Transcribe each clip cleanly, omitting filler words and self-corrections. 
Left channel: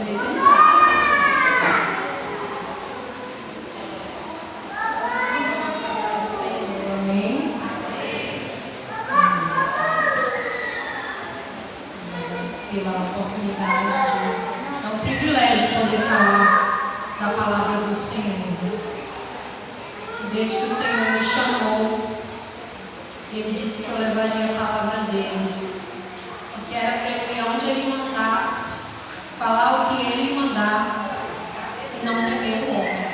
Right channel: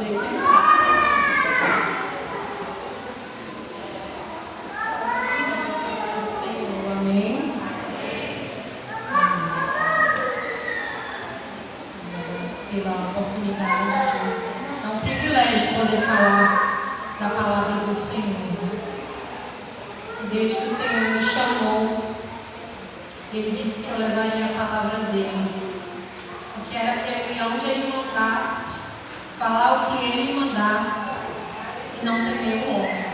poder sentar. Amém? Pela oportunidade. É um privilégio poder falar da palavra do Senhor. Desde que o Senhor me chamou, Ele disse que eu levaria a palavra dele. E que era para eu ir onde Ele mandasse, falar o que Ele mandasse e não temer o homem.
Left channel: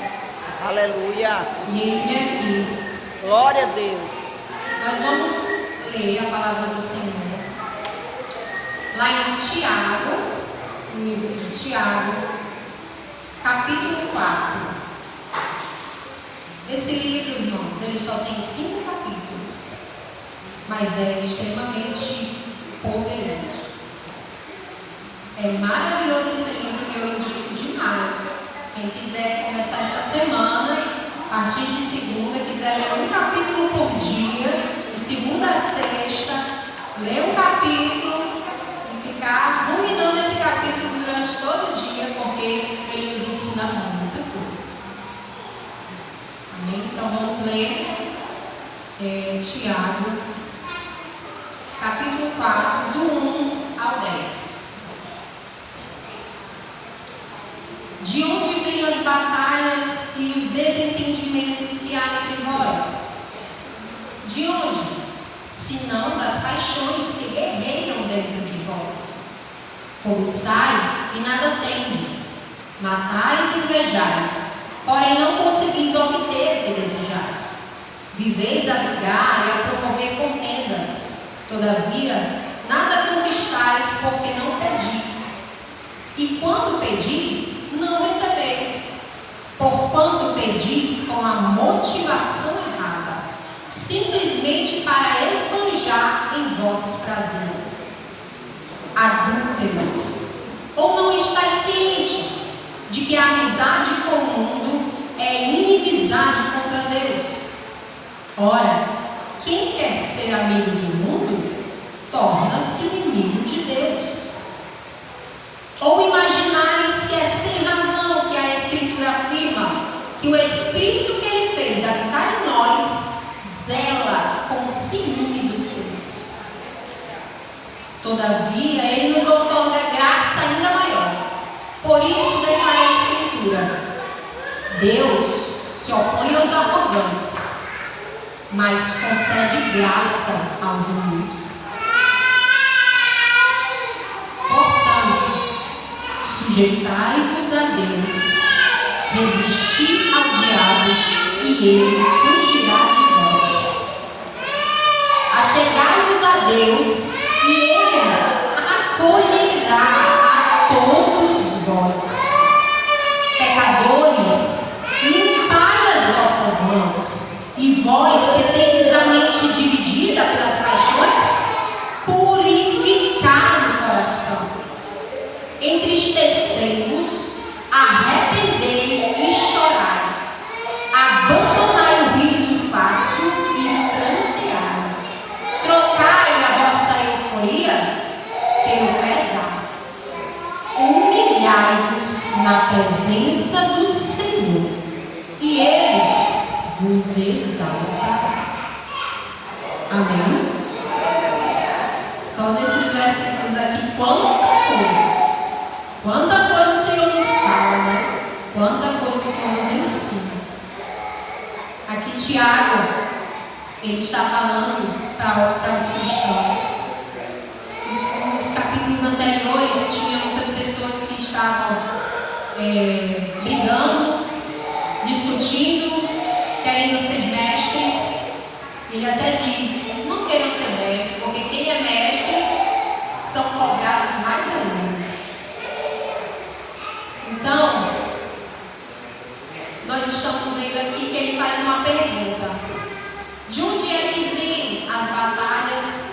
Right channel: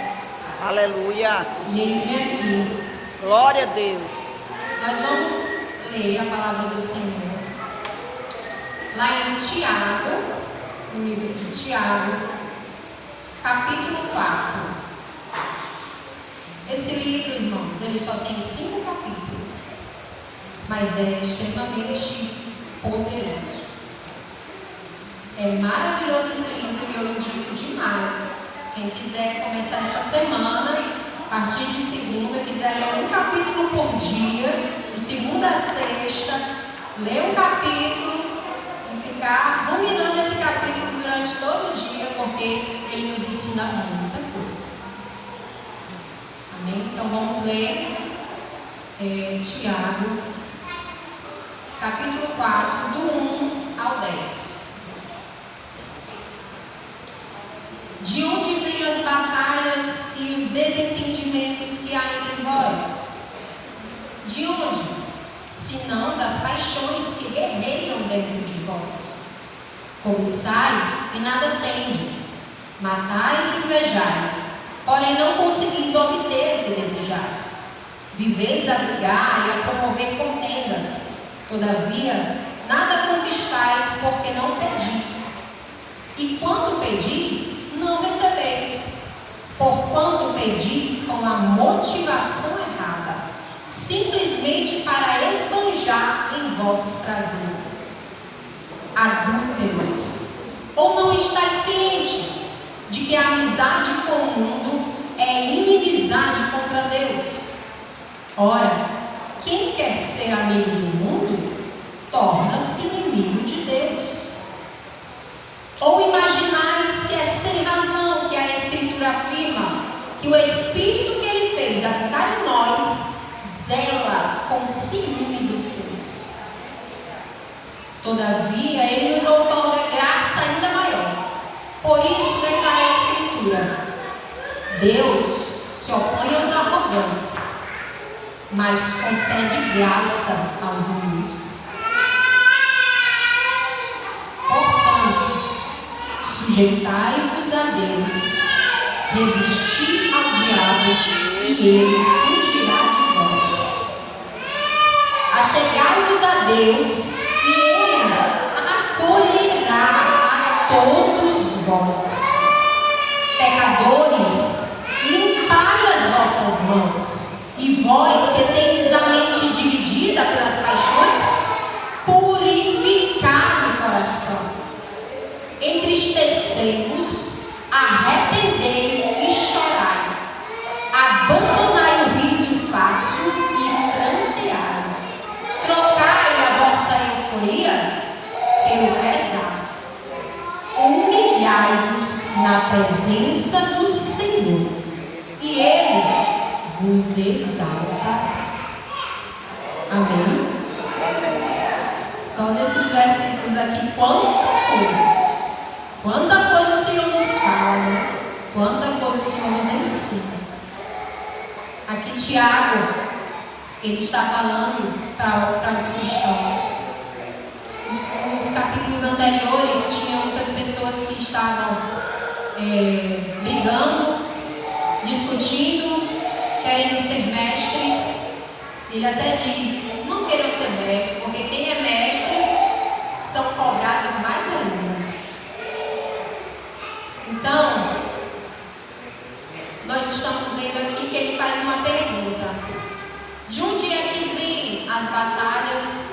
Aleluia. E eis-me aqui. Glória a Deus. Nós vamos ler a palavra do Senhor lá em Tiago, no livro de Tiago, capítulo 4. Esse livro, irmãos, ele só tem 5 capítulos, mas é extremamente poderoso. É maravilhoso esse livro e eu indico demais. Quem quiser começar essa semana, a partir de segunda, quiser ler um capítulo por dia, de segunda a sexta, ler um capítulo e ficar ruminando esse capítulo durante todo o dia, porque ele nos ensina muita coisa. Amém? Então vamos ler Tiago, capítulo 4, do 1 ao 10. De onde vêm as batalhas e os desentendimentos que há entre vós? De onde? Senão das paixões que guerreiam dentro de vós. Cobiçais e nada tendes, matais e invejais, porém não conseguis obter o que desejais. Viveis a brigar e a promover contendas, todavia nada conquistais, porque não pedis. E quando pedis, não recebeis, porquanto pedis com a motivação errada, simplesmente para esbanjar em vossos prazeres. Adúlteros, ou não estáis cientes de que a amizade com o mundo é inimizade contra Deus? Ora, quem quer ser amigo do mundo, torna-se inimigo de Deus. Ou imaginais que é sem razão que a Escritura afirma que o Espírito que Ele fez habitar em nós zela com ciúme dos seus. Todavia, Ele nos outorga graça ainda maior. Por isso declara a Escritura: Deus se opõe aos arrogantes, mas concede graça aos humildes. Portanto, sujeitai-vos a Deus, resisti ao diabo e ele fugirá de vós. Achegai-vos a Deus e ele acolherá a todos vós. Pecadores, limpai as vossas mãos, e vós que tendes a mente dividida pelas paixões, purificai o coração. Entristecei-vos, arrependei e chorai. Abandonai o riso fácil e pranteai. Trocai a vossa euforia pelo pesar. Humilhai-vos na presença do Senhor, e Ele vos exaltará. Amém? Só desses versículos aqui, quanta coisa o Senhor nos fala, né? Quanta coisa o Senhor nos ensina. Aqui Tiago, ele está falando para os cristãos. Nos capítulos anteriores tinha muitas pessoas que estavam brigando, discutindo, querendo ser mestres. Ele até diz: não queiram ser mestres, porque quem é mestre são cobrados mais ainda. Então, nós estamos vendo aqui que ele faz uma pergunta: de onde é que vêm as batalhas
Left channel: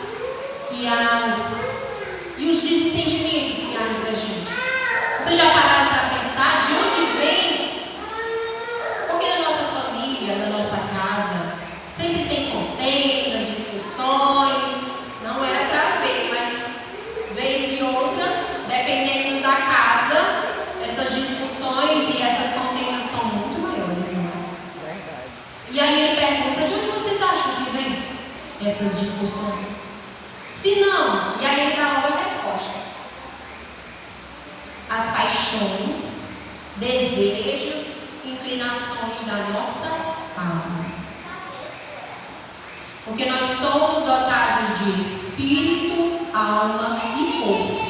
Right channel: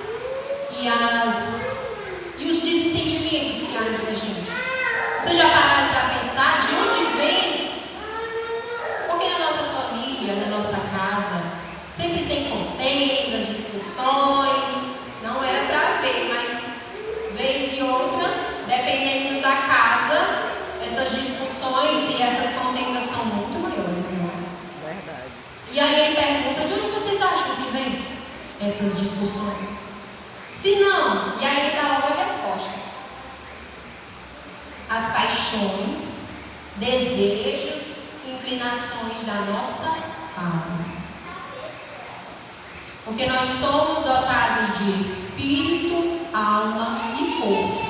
e os desentendimentos que há entre a gente? Vocês já pararam para pensar de onde vem? Porque na nossa família, na nossa casa, sempre tem contendas, discussões. Não era para ver, mas vez e outra, dependendo da casa, essas discussões? Se não, e aí ele dá logo a resposta. As paixões, desejos, inclinações da nossa alma. Porque nós somos dotados de espírito, alma e corpo.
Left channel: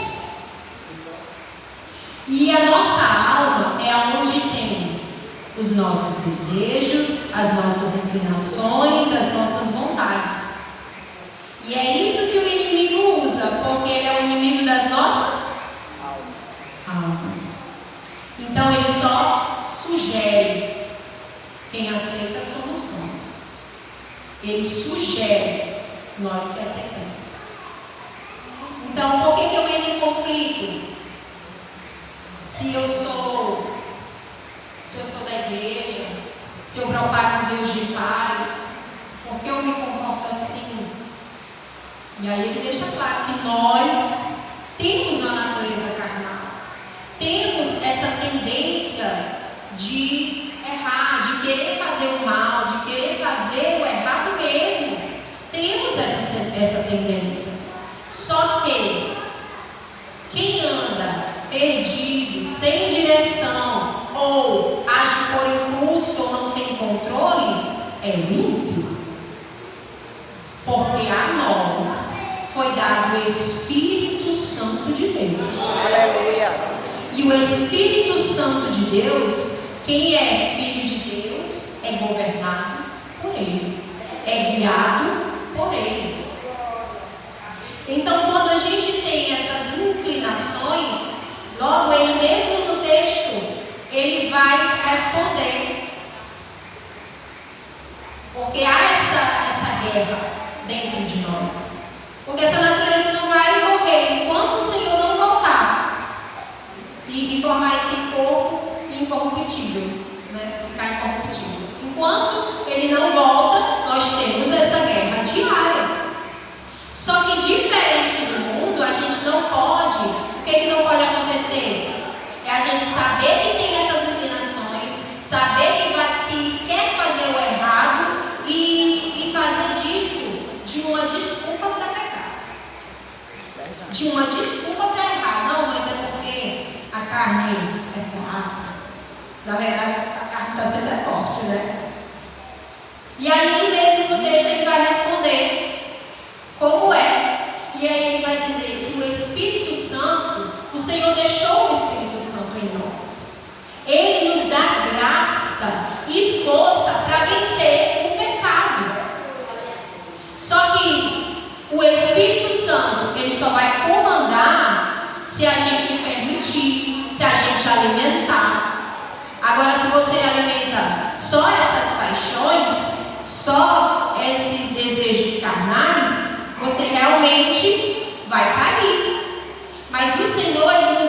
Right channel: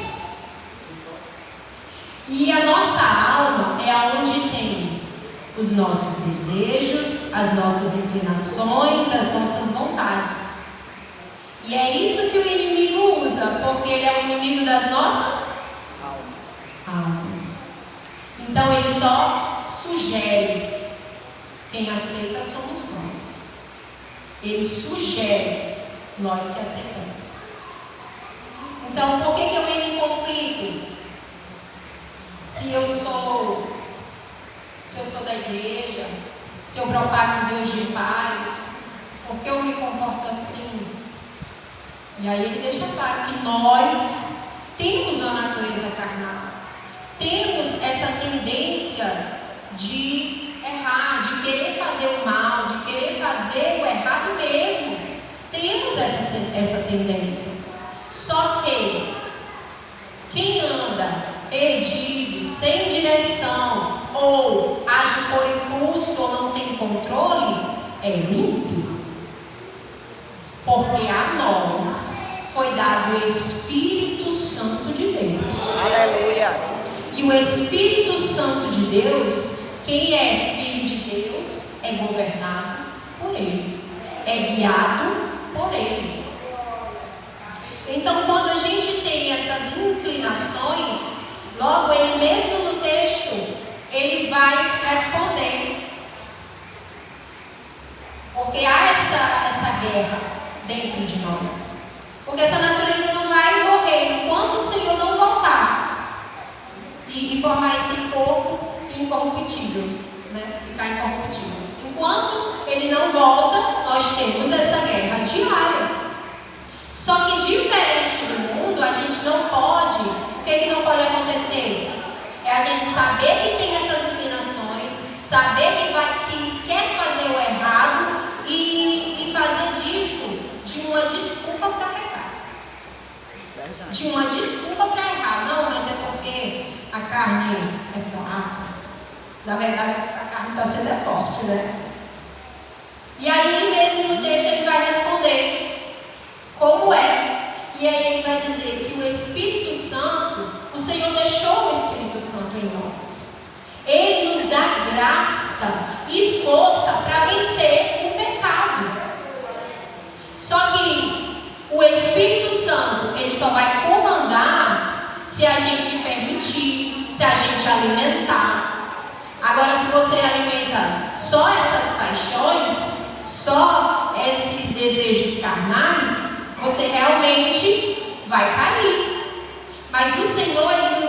E a nossa alma é onde tem os nossos desejos, as nossas inclinações, as nossas vontades. E é isso que o inimigo usa, porque ele é o inimigo das nossas almas. Então ele só sugere. Quem aceita somos nós. Ele sugere, nós que aceitamos. Então, por que eu entro em conflito? Se eu sou da igreja, se eu propago um Deus de paz, por que eu me comporto assim? E aí ele deixa claro que nós temos uma natureza carnal, temos essa tendência de errar, de querer fazer o mal, de querer fazer o errado mesmo. Temos essa tendência. Só que quem anda perdido, sem direção, ou age por impulso ou não tem controle, é ímpio. Porque a nós foi dado o Espírito Santo de Deus. Aleluia. E o Espírito Santo de Deus, quem é filho de Deus, é governado por Ele, é guiado por Ele. Então, quando a gente tem essas inclinações, logo ele mesmo no texto, ele vai responder. Porque há essa guerra dentro de nós. Porque essa natureza não vai morrer enquanto o Senhor não voltar e formar esse corpo incorruptível, né? Ficar incorruptível. Enquanto ele não volta, nós temos essa guerra diária. Só que diferente do mundo, a gente não pode. O que não pode acontecer? É a gente saber que tem essas inclinações, saber que quer fazer o errado e fazer disso de uma desculpa para pecar. De uma desculpa para errar. Não, mas é porque a carne é fraca. Na verdade, a carne está sendo forte, né? E aí ele mesmo no texto ele vai responder como é. E aí ele vai dizer que o Espírito Santo, o Senhor deixou o Espírito Santo em nós. Ele nos dá graça e força para vencer o pecado. Só que o Espírito Santo, ele só vai comandar se a gente permitir, se a gente alimentar. Agora, se você alimenta só essas paixões, só esses desejos carnais, você realmente vai cair. Mas o Senhor, Ele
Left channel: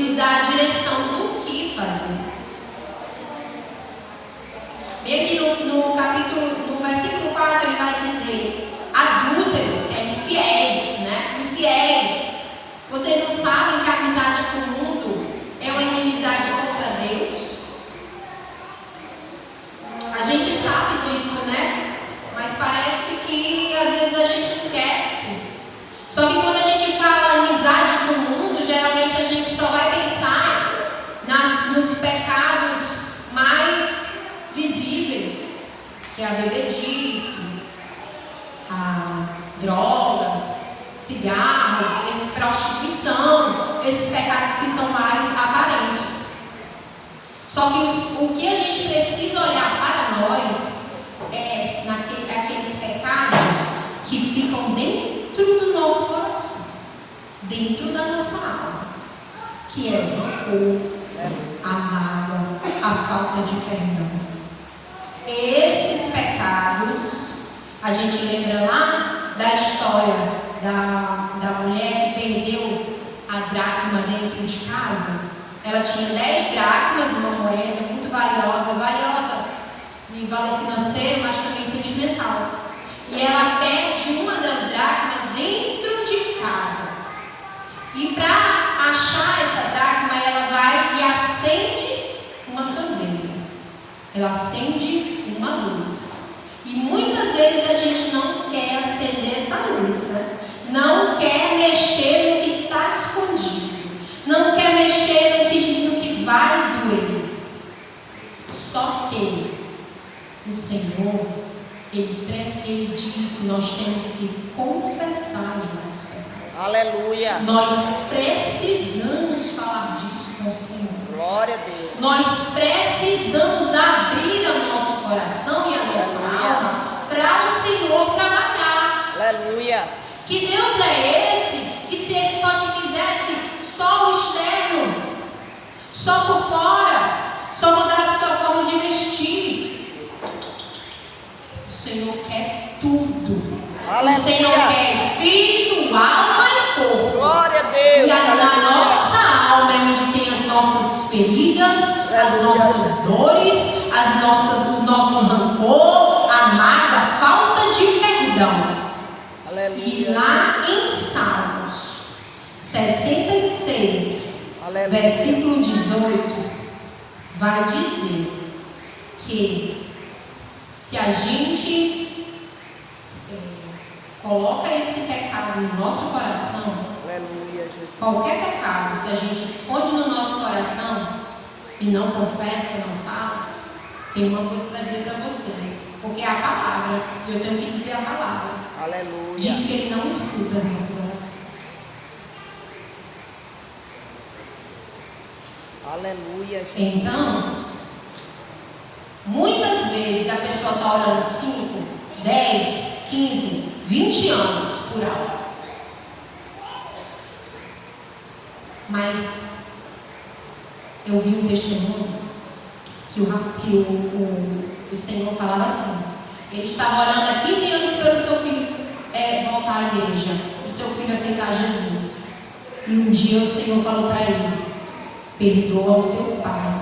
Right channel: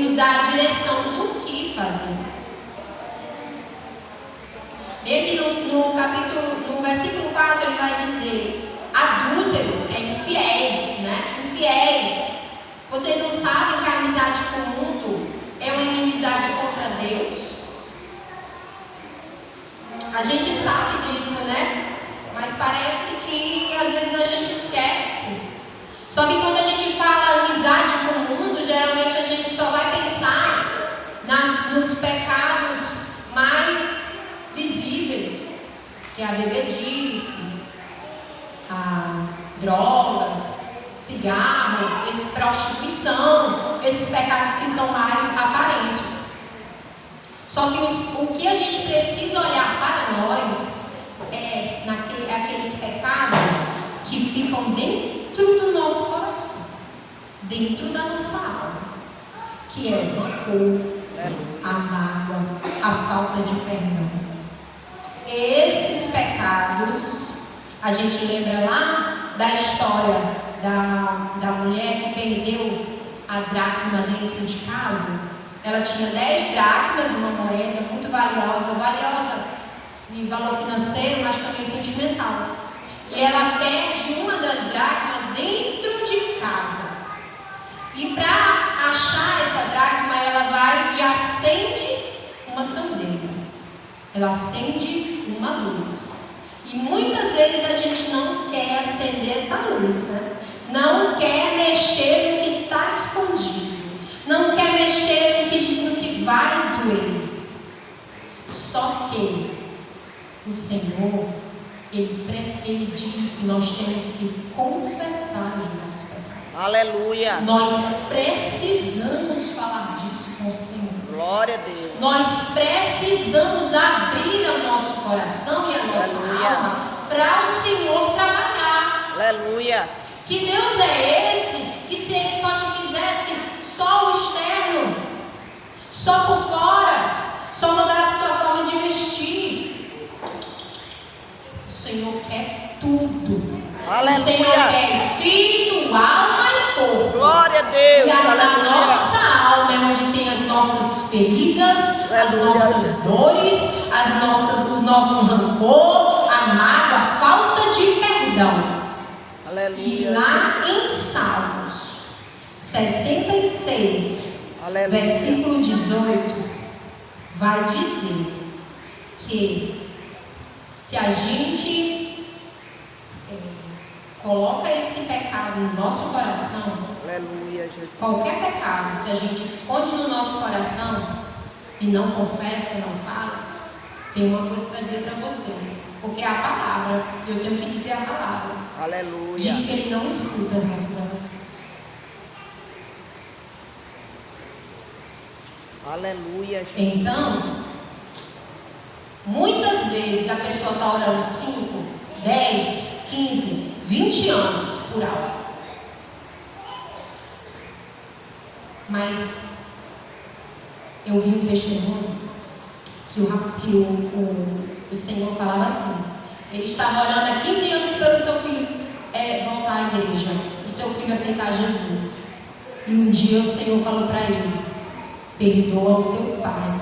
nos dá a direção do que fazer. Bem aqui no versículo 4, ele vai dizer: adúlteros, que é infiéis, né? Infiéis. Vocês não sabem que a amizade com o mundo é uma inimizade contra Deus? A gente sabe disso, né? Mas parece que às vezes a gente esquece. Só que quando a gente fala amizade com o mundo, geralmente a gente só vai pensar nos pecados mais visíveis, que é a bebedice, a drogas, cigarro, prostituição, esses pecados que são mais aparentes. Só que o que a gente precisa olhar para nós é aqueles pecados que ficam dentro do nosso coração, dentro da nossa alma, que é o rancor, a mágoa, a falta de perdão. Esses pecados, a gente lembra lá da história da mulher que perdeu a dracma dentro de casa. Ela tinha 10 dracmas, uma moeda muito valiosa em valor financeiro, mas também sentimental. E ela perde uma das dracmas dentro de casa. E para achar essa dracma, ela vai e acende uma candeia. Ela acende uma luz. E muitas vezes a gente não quer acender essa luz, né? Não quer mexer no que está escondido. Não quer mexer no que vai doer. Só que o Senhor, Ele diz que nós temos que confessar os nossos pecados. Aleluia. Nós precisamos falar disso com o Senhor. Glória a Deus. Nós precisamos abrir o nosso coração e a nossa alma para o Senhor trabalhar. Aleluia. Que Deus é esse que, se Ele só te quisesse só o externo, só por fora, só mudasse a tua forma de vestir, o Senhor quer tudo. Aleluia. O Senhor quer espírito, alma e corpo. Glória a Deus. E na nossa alma é onde tem as nossas feridas, as nossas dores, o nosso rancor, a mágoa, a falta de perdão. Aleluia. E lá em Salmos 66, Aleluia. versículo 18, vai dizer que se a gente coloca esse pecado no nosso coração, Aleluia, Jesus. qualquer pecado, se a gente esconde no nosso coração e não confessa, não fala, tem uma coisa para dizer para vocês, porque é a palavra, e eu tenho que dizer a palavra. Aleluia. Diz que Ele não escuta as nossas orações. Aleluia, Jesus. Então, muitas vezes a pessoa está orando 5, 10, 15, 20 anos por hora. Mas eu vi um testemunho que o Senhor falava assim. Ele estava orando há 15 anos pelo seu filho voltar à igreja, o seu filho aceitar Jesus. E um dia o Senhor falou para ele: perdoa o teu pai.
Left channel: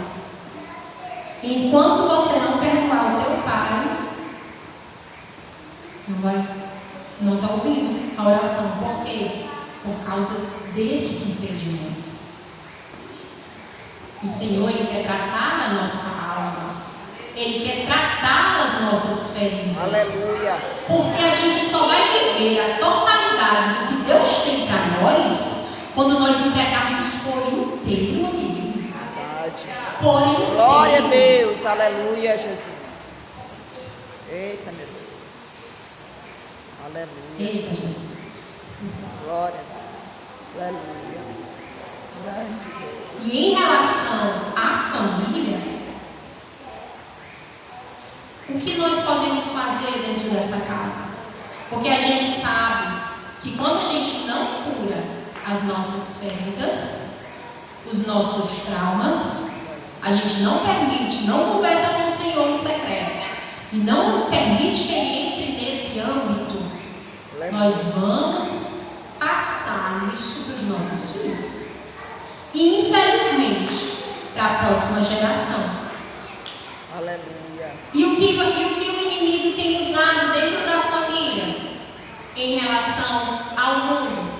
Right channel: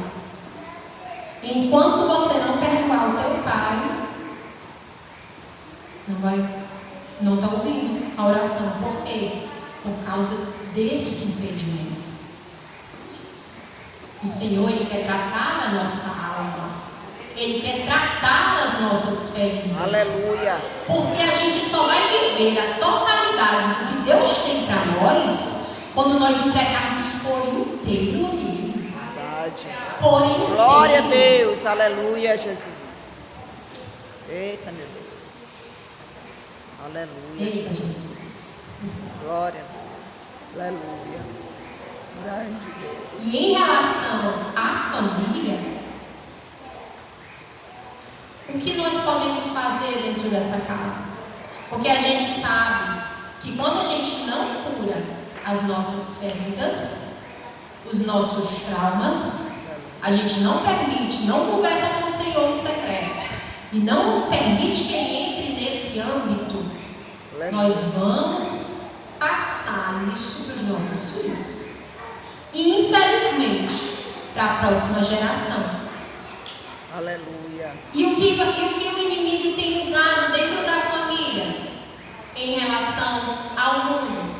Enquanto você não perdoar o teu pai, não está ouvindo a oração. Por quê? Por causa desse impedimento. O Senhor, Ele quer tratar a nossa alma. Ele quer tratar as nossas feridas. Aleluia. Porque a gente só vai viver a totalidade do que Deus tem para nós quando nós entregarmos por inteiro a Ele. Verdade. Por inteiro. Glória a Deus. Aleluia, Jesus. Eita, meu Deus. Aleluia. Eita, Jesus. Glória a Deus. Aleluia. Grande Deus. E em relação à família, o que nós podemos fazer dentro dessa casa? Porque a gente sabe que quando a gente não cura as nossas feridas, os nossos traumas, a gente não permite, não conversa com o Senhor no secreto e não permite que Ele entre nesse âmbito, nós vamos passar isso para os nossos filhos. E infelizmente, para a próxima geração. Aleluia. E o que o inimigo tem usado dentro da família em relação ao mundo?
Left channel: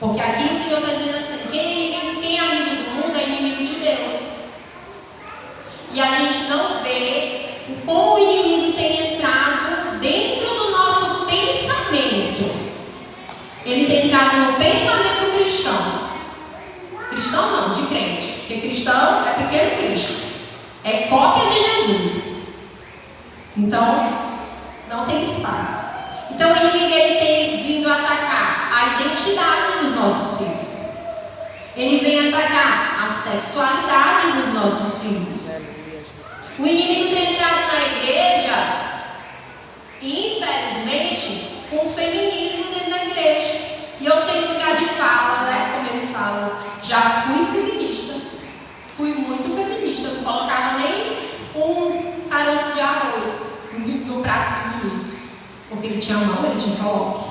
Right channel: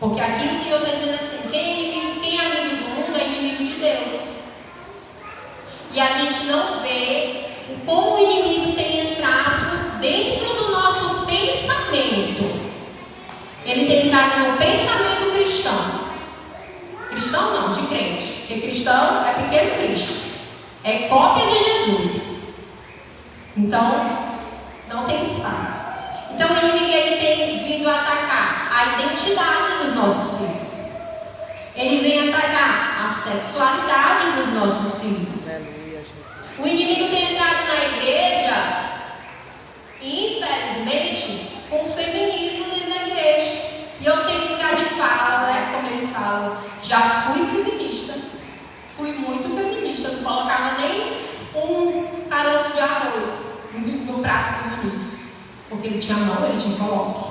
Porque aqui o Senhor está dizendo assim: quem é amigo do mundo é inimigo de Deus. E a gente não vê como o inimigo tem entrado dentro do nosso pensamento. Ele tem entrado no pensamento cristão. Cristão não, de crente. Porque cristão é pequeno Cristo. É cópia de Jesus. Então, não tem espaço. Então, o inimigo ele tem vindo atacar a identidade dos nossos filhos. Ele vem atacar a sexualidade dos nossos filhos. Aleluia, Jesus. O inimigo tem entrado na igreja, infelizmente, com o feminismo dentro da igreja. E eu tenho lugar de fala, né? Como eles falam. Já fui feminista. Fui muito feminista. Eu não colocava nem um caroço de arroz no prato do Vinícius. Porque ele tinha mão, ele tinha coloque.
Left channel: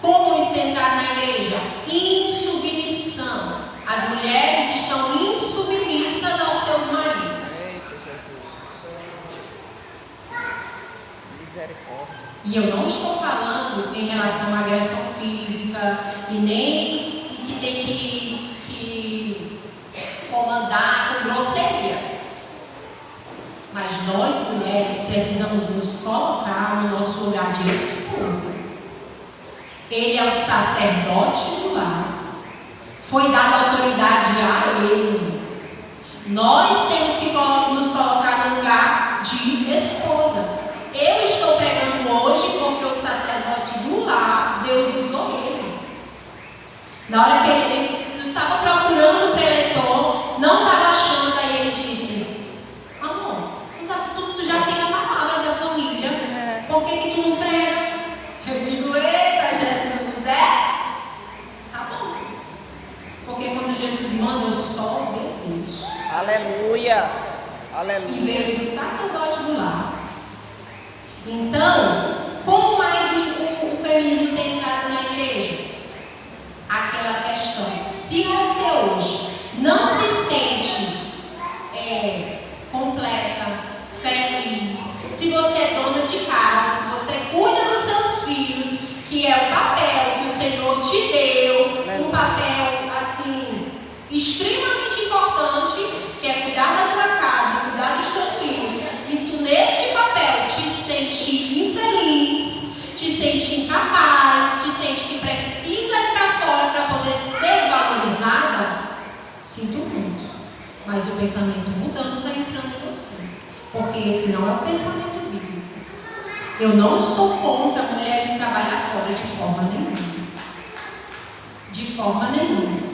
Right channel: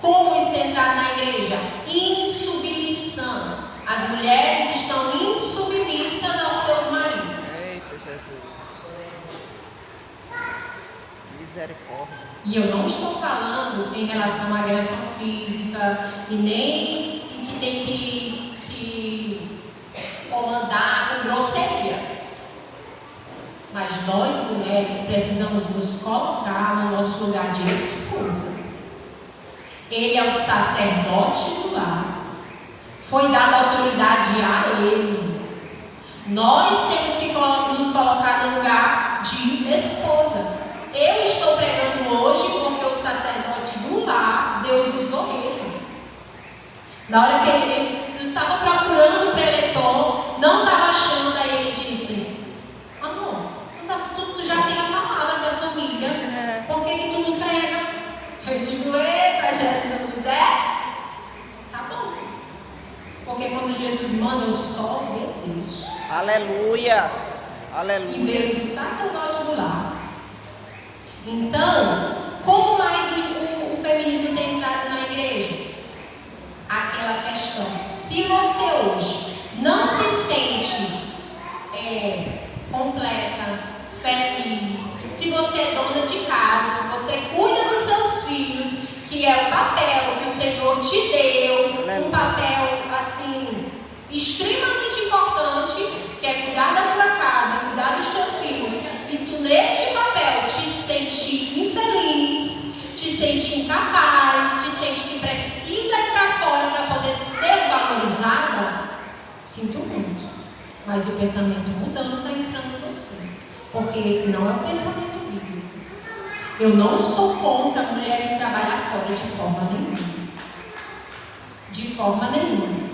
Como isso tem entrado na igreja? Insubmissão. As mulheres estão insubmissas aos seus maridos. Eita, Jesus. Misericórdia. E eu não estou falando em relação à agressão física e nem que tem que comandar com grosseria. Mas nós mulheres precisamos nos colocar no nosso lugar de esposa. Ele é o sacerdote do lar. Foi dada autoridade a ele. Nós temos que nos colocar no lugar de esposa. Eu estou pregando hoje porque o sacerdote do lar, Deus usou ele. Na hora que ele estava procurando o preletor, não estava achando, aí ele disse: amor, tu já tem a palavra da família, por que tu não prega? Eu digo: eita, Jesus, tá bom. Porque quando Jesus manda, eu só obedeço. Aleluia. Aleluia. E veio do sacerdote do lar. Então, como mais o feminismo tem entrado na igreja? Aquela questão: se você hoje não se sente completa, feliz, se você é dona de casa, se você cuida dos seus filhos, que é o papel que o Senhor te deu, um papel assim extremamente importante, que é cuidar da tua casa, cuidar dos teus filhos, e tu neste papel te sente infeliz, te sente incapaz, te sente que precisa ir para fora para poder ser valorizada, sinto muito, mas o pensamento mudando está entrando em você, porque esse não é o pensamento bíblico. Eu não sou contra mulheres trabalhar fora de forma nenhuma,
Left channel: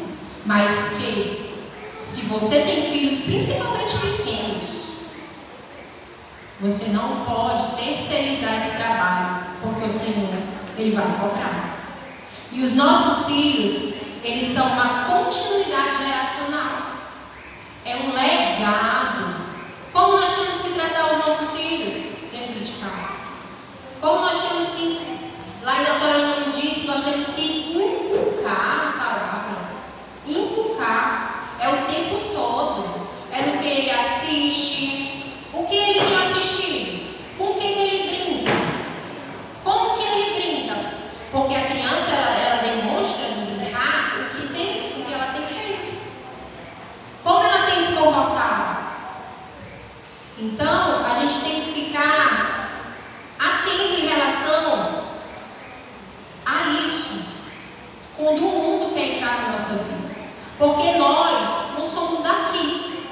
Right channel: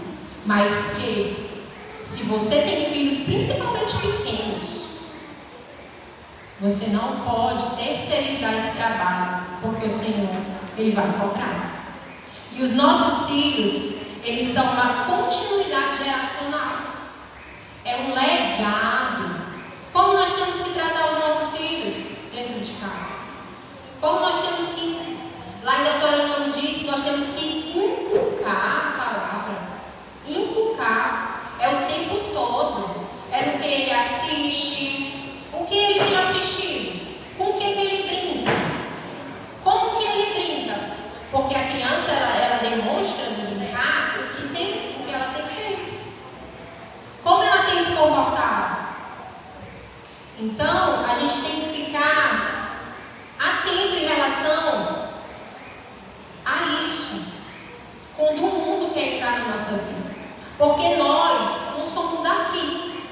mas que se você tem filhos, principalmente pequenos, você não pode terceirizar esse trabalho, porque o Senhor, Ele vai cobrar. E os nossos filhos, eles são uma continuidade geracional. É um legado. Como nós temos que tratar os nossos filhos dentro de casa? Como nós temos que, lá em Deuteronômio diz, nós temos que inculcar a palavra. Inculcar. É o tempo todo. É no que ele assiste. O que ele tem assistido? Com o que ele brinca? Como que ele brinca? Porque a criança, ela demonstra no brincar o que ela tem feito. Como ela tem se comportado. Então, a gente tem que ficar atento em relação a isso. Quando o mundo quer entrar na nossa vida. Porque nós não somos daqui.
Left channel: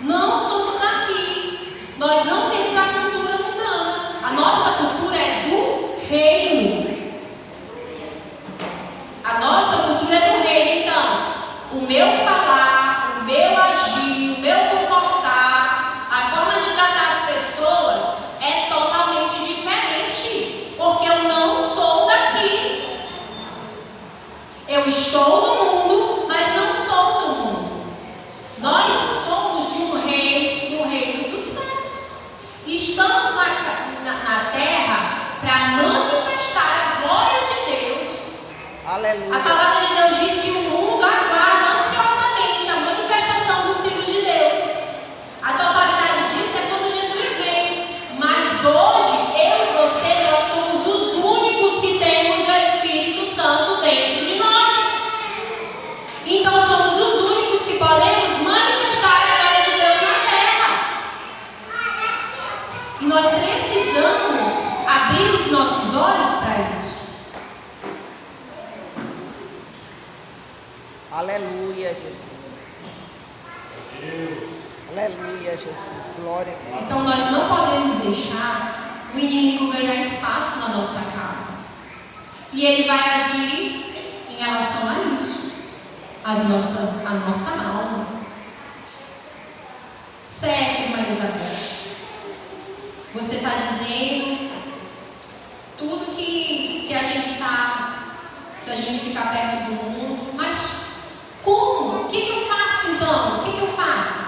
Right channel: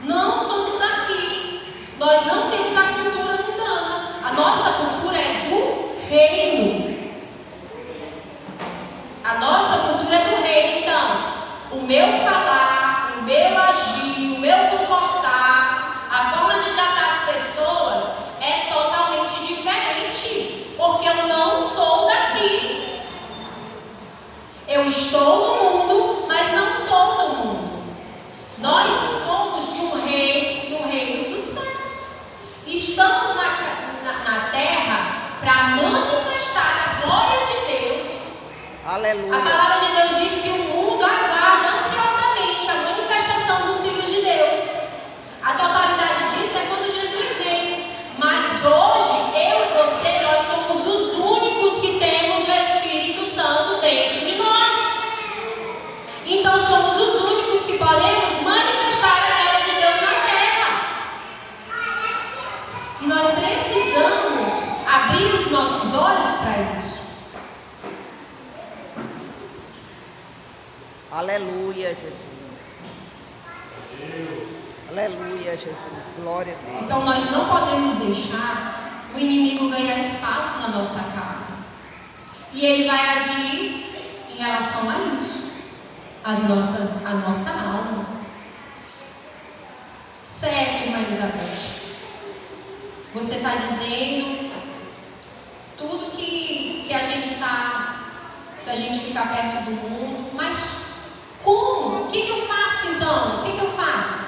Não somos daqui. Nós não temos a cultura mundana. A nossa cultura é do reino. A nossa cultura é do reino. Então, o meu falar, o meu agir, o meu comportar, a forma de tratar as pessoas é totalmente diferente. Porque eu não sou daqui. Eu estou no mundo, mas não sou do mundo. Nós somos de um reino, do reino dos céus. Estamos na terra para manifestar a glória de Deus. Aleluia. A palavra de Deus diz que o mundo aguarda ansiosamente a manifestação dos filhos de Deus. A totalidade disso é quando Jesus veio. Mas hoje, eu e você, nós somos os únicos que temos o Espírito Santo dentro de nós. Então somos os únicos que podemos manifestar a glória de Deus na terra. E nós precisamos abrir os nossos olhos para isso. Aleluia, Jesus. Aleluia, Jesus. Glória a Deus. Então nós não podemos deixar o inimigo ganhar espaço na nossa casa. E ele vai agir em relação a isso. A nossa alma. Certo, irmã Elizabeth? Você está dizendo tudo que a gente está, se a gente ficar perto do mundo, mas como? O que eu faço então? O que eu faço?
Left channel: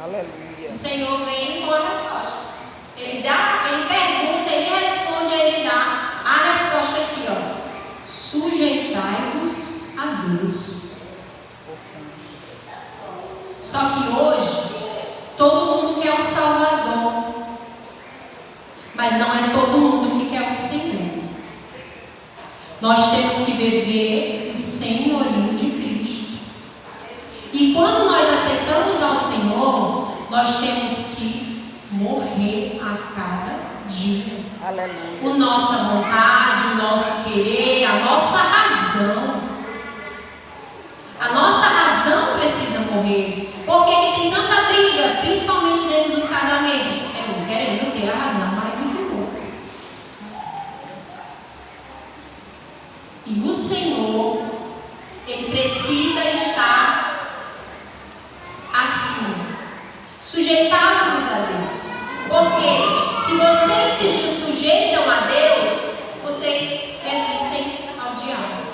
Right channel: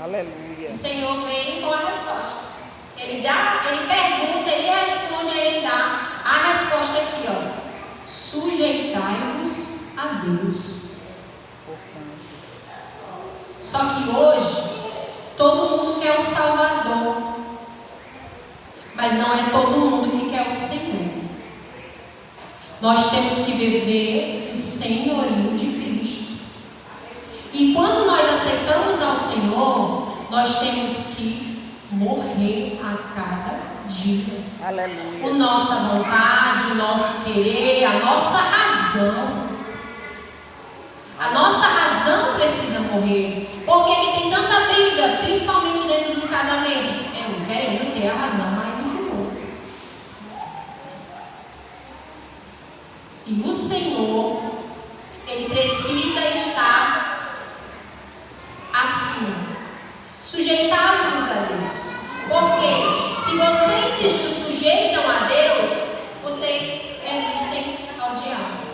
Aleluia. O Senhor vem com a resposta. Ele pergunta, ele responde, ele dá a resposta aqui, ó. Sujeitai-vos a Deus. Só que hoje, todo mundo quer o Salvador. Mas não é todo mundo que quer o Senhor. Nós temos que viver o senhorio de Cristo. E quando nós aceitamos ao Aleluia. nossa vontade, o nosso querer, a nossa razão. A nossa razão precisa morrer. Por que que tem tanta briga, principalmente dentro dos casamentos? Eu querendo ter a razão mais do que o outro. E o Senhor, Ele precisa estar acima, sujeitar-vos a Deus. Porque se vocês se sujeitam a Deus, vocês resistem ao diabo.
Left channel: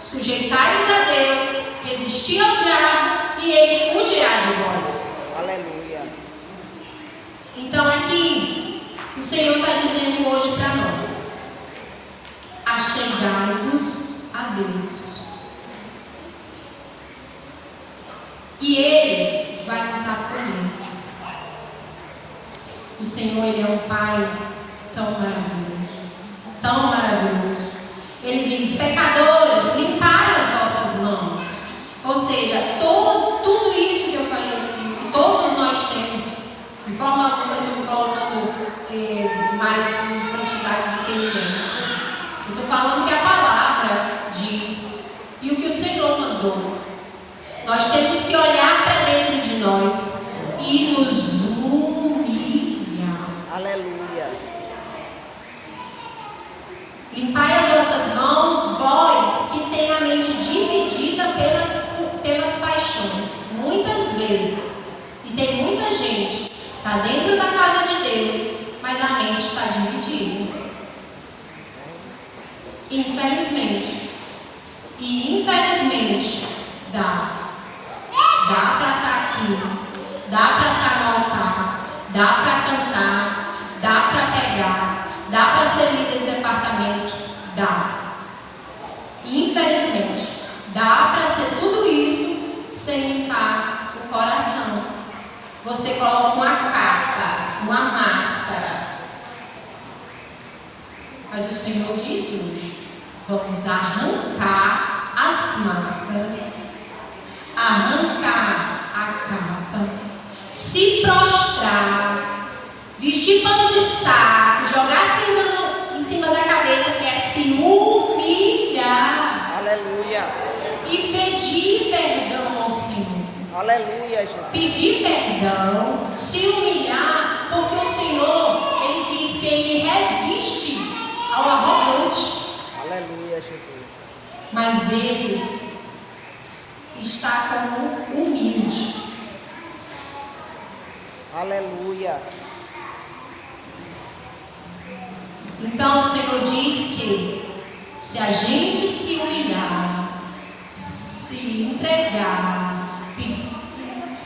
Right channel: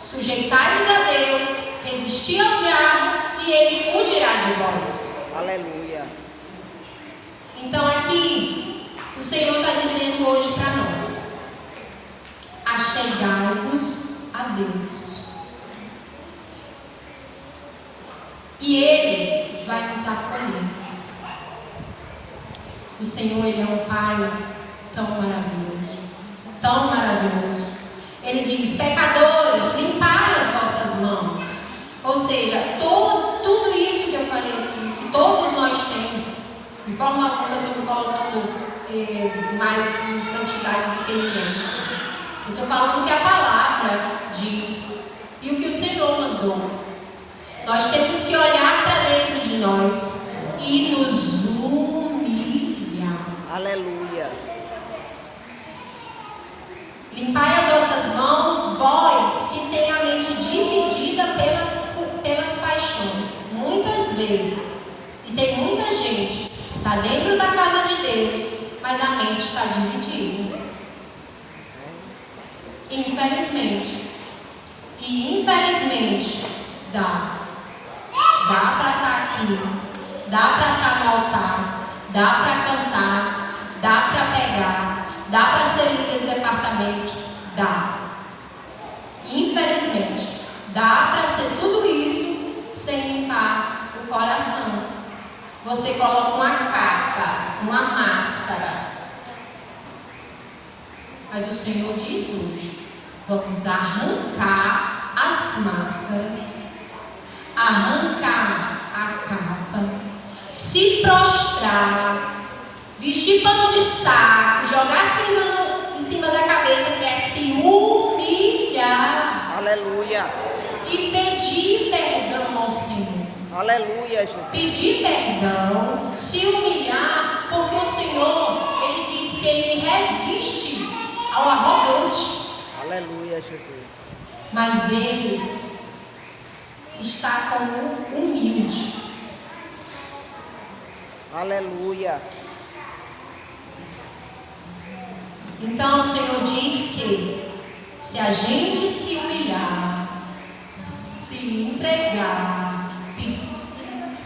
Sujeitai-vos a Deus, resistir ao diabo e ele fugirá de vós. Aleluia. Então aqui, o Senhor está dizendo hoje para nós: achegai-vos a Deus. E Ele vai nos acolher. O Senhor, Ele é um Pai tão maravilhoso, tão maravilhoso. Ele diz: pecadores, limpai as vossas mãos. Ou seja, tudo isso que eu falei aqui, que todos nós temos, de forma alguma eu estou me colocando mais em santidade do que ninguém. Eu estou falando o que a palavra diz e o que o Senhor mandou. Nós temos que olhar para dentro de nós e nos humilhar. Aleluia. Limpai as vossas mãos, vós que tem a mente dividida pelas paixões. Muitas vezes, e tem muita gente, está dentro da casa de Deus, mas a mente está dividida. Infelizmente. E infelizmente, dá para estar aqui, dá para estar no altar, dá para cantar, dá para pegar, dá para ser líder do departamento, dá. Infelizmente, dá para ser tudo isso sem limpar o coração. Você coloca uma capa, uma máscara. Mas o Senhor diz hoje: vamos arrancar as máscaras, arrancar a capa, se prostrar, vestir pano de saco, jogar cinza em cima da cabeça, que é se humilhar. Aleluia. E pedir perdão ao Senhor. Aleluia, Jesus. Pedir perdão, se humilhar, porque o Senhor, Ele diz que Ele resiste ao arrogante. Aleluia, Jesus. Mas Ele está como humilde. Aleluia. Então o Senhor diz que se a gente se humilhar, se entregar,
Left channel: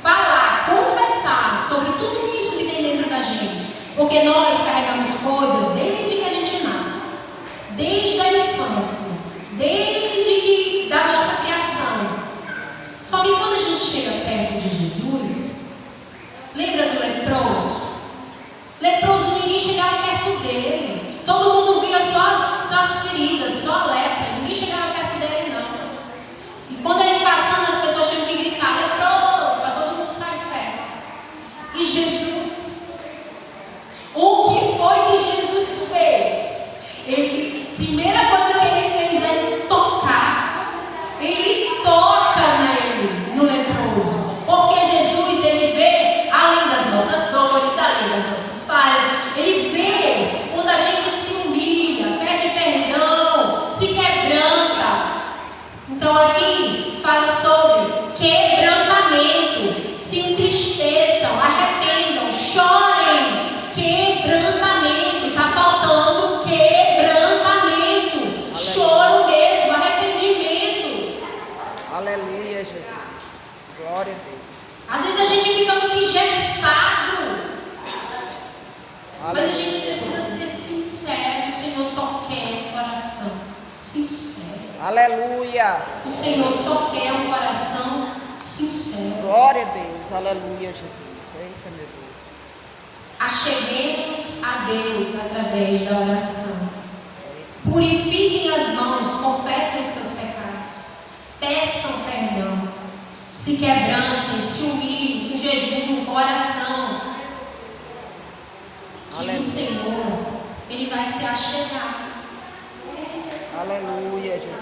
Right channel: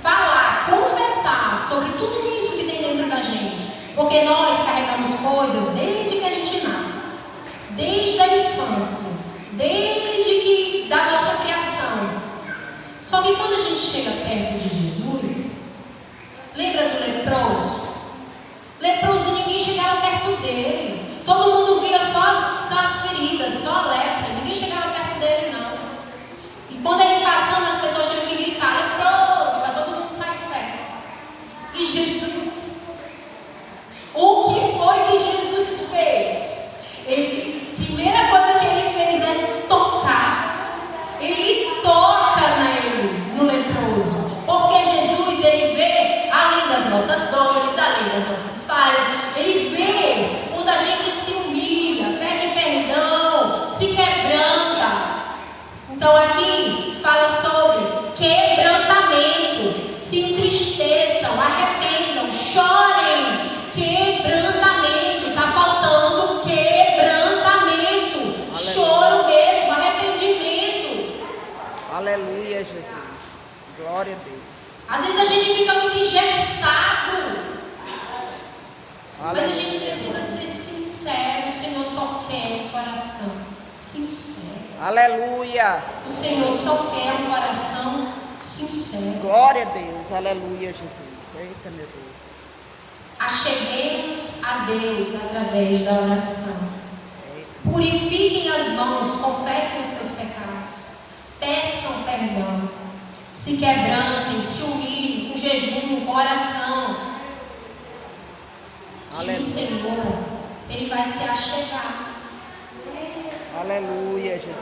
falar, confessar sobre tudo isso que tem dentro da gente, porque nós carregamos coisas desde que a gente nasce, desde a infância, desde que da nossa criação. Só que quando a gente chega perto de Jesus, lembra do leproso? Leproso, ninguém chegava perto dele. Todo mundo via só as feridas, só a lepra. Ninguém chegava perto dele, não. E quando ele passava, as pessoas tinham que gritar: leproso, para todo mundo sair perto. E Jesus, o que foi que Jesus fez? Primeira coisa que ele fez é tocar. Ele toca nele, no leproso. Porque Jesus, ele vê além das nossas dores, além das nossas falhas. Ele vê quando a gente se humilha, pede perdão, se quebranta. Então aqui fala sobre quebrantamento. Se entristeçam, arrependam, chorem. Quebrantamento. Está faltando quebrantamento. Choro mesmo, arrependimento. Aleluia, Jesus. Glória a Deus. Às vezes a gente fica muito engessado. Mas a gente precisa ser sincero. O Senhor só quer um coração sincero. Aleluia. O Senhor só quer um coração sincero. Glória a Deus. Aleluia, Jesus. Eita, meu Deus. Acheguemos a Deus através da oração. Purifiquem as mãos, confessem os seus pecados. Peçam perdão. Se quebrantem, se humilhem, com jejum, com oração. Que o Senhor Ele vai se achegar. Aleluia, Jesus.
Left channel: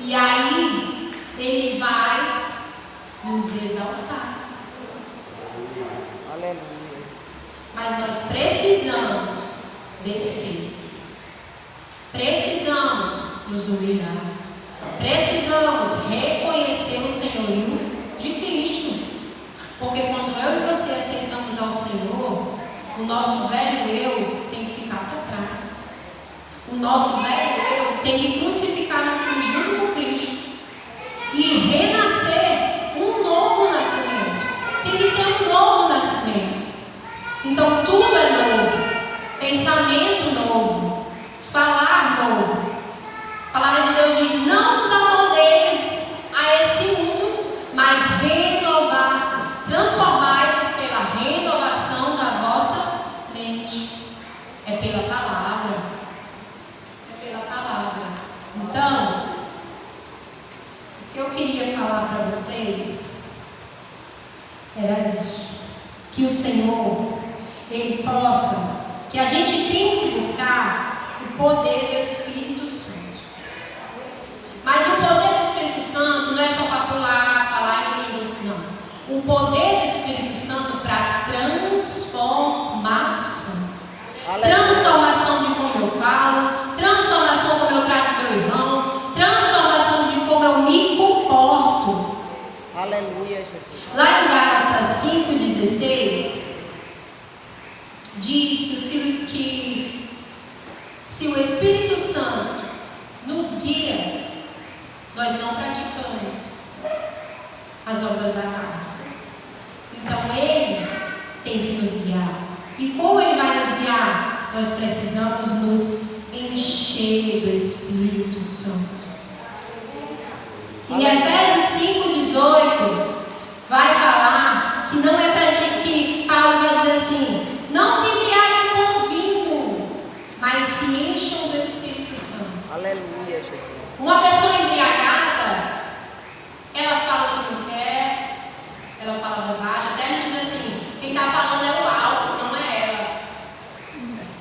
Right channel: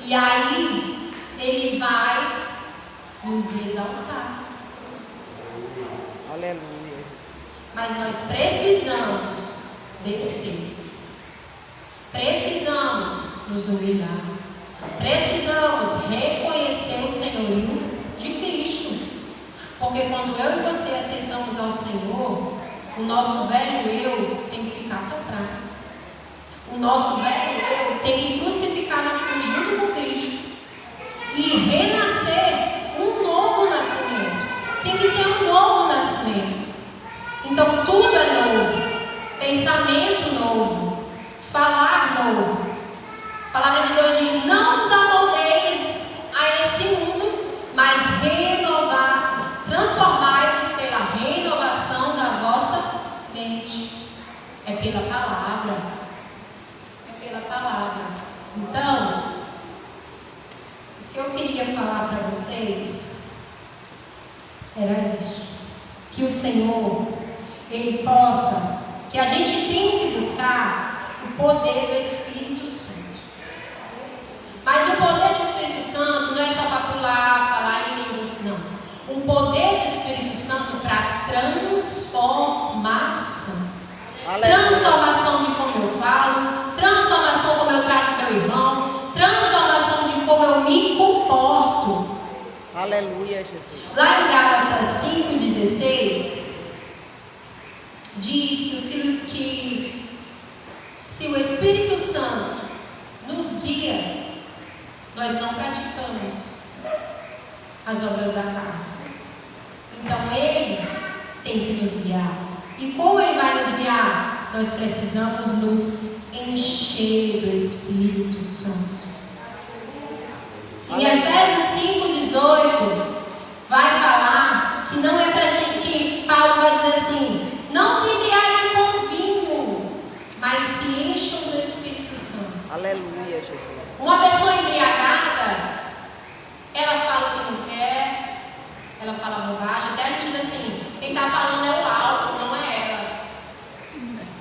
E aí, Ele vai nos exaltar. Aleluia. Mas nós precisamos descer. Precisamos nos humilhar. Precisamos reconhecer o senhorio de Cristo. Porque quando eu e você aceitamos ao Senhor, o nosso velho eu tem que ficar para trás. O nosso velho eu tem que crucificar na cruz junto com Cristo. E renascer um novo nascimento. Tem que ter um novo nascimento. Então tudo é novo. Pensamento novo. Falar novo. A palavra de Deus diz: não vos amoldeis a esse mundo, mas renovar, transformai-vos pela renovação da vossa mente. É pela palavra. É pela palavra. Então, o que eu queria falar para vocês era isso. Que o Senhor, Ele possa, que a gente tem que buscar o poder do Espírito Santo. Mas o poder do Espírito Santo não é só para pular, falar em línguas, não. O poder do Espírito Santo para transformação. Transformação de como eu falo, transformação como eu trato meu irmão, transformação de como eu me comporto. Aleluia, Jesus. Lá em Gálatas 5,16, diz que se o Espírito Santo nos guia, nós não praticamos as obras da carne. Então Ele tem que nos guiar. E como Ele vai nos guiar? Nós precisamos nos encher do Espírito Santo. Em Efésios 5,18 vai falar que não é pra gente, que Paulo vai dizer assim: não se embriaguem com vinho, mas se encham do Espírito Santo. Aleluia, Jesus. Uma pessoa embriagada, ela fala o que não quer, ela fala bobagem. Até a gente diz assim: quem está falando é o álcool, não é ela.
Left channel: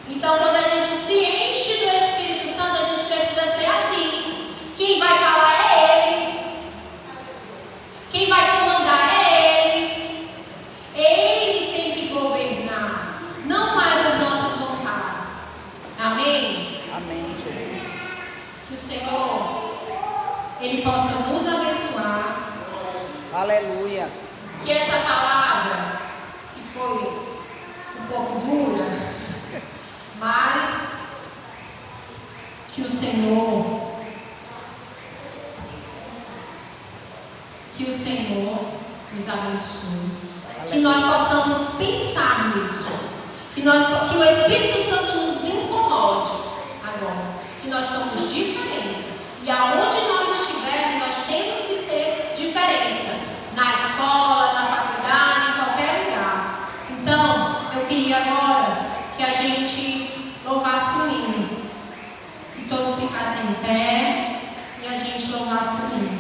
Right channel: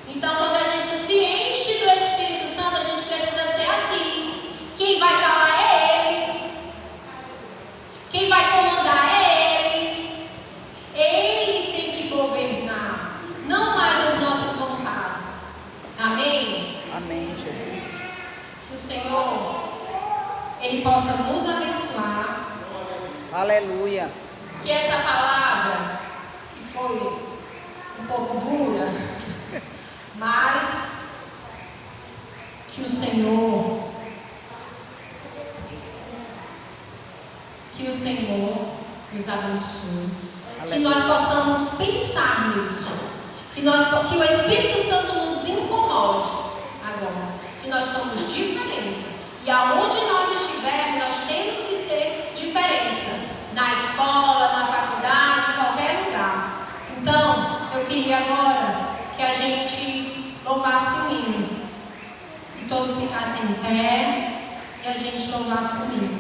Então, quando a gente se enche do Espírito Santo, a gente precisa ser assim. Quem vai falar é Ele. Quem vai comandar é Ele. Ele tem que governar, não mais as nossas vontades. Amém? Amém, Jesus. Que o Senhor, Ele possa nos abençoar. Aleluia. Que essa palavra, que foi um pouco dura, mas que o Senhor nos abençoe. Que nós possamos pensar nisso. Que o Espírito Santo nos incomode agora. Que nós somos diferença. E aonde nós estivermos, nós temos que ser diferença. Na escola, na faculdade, em qualquer lugar. Então, eu queria agora que a gente louvasse o hino. Que todos ficassem em pé e a gente louvasse o hino.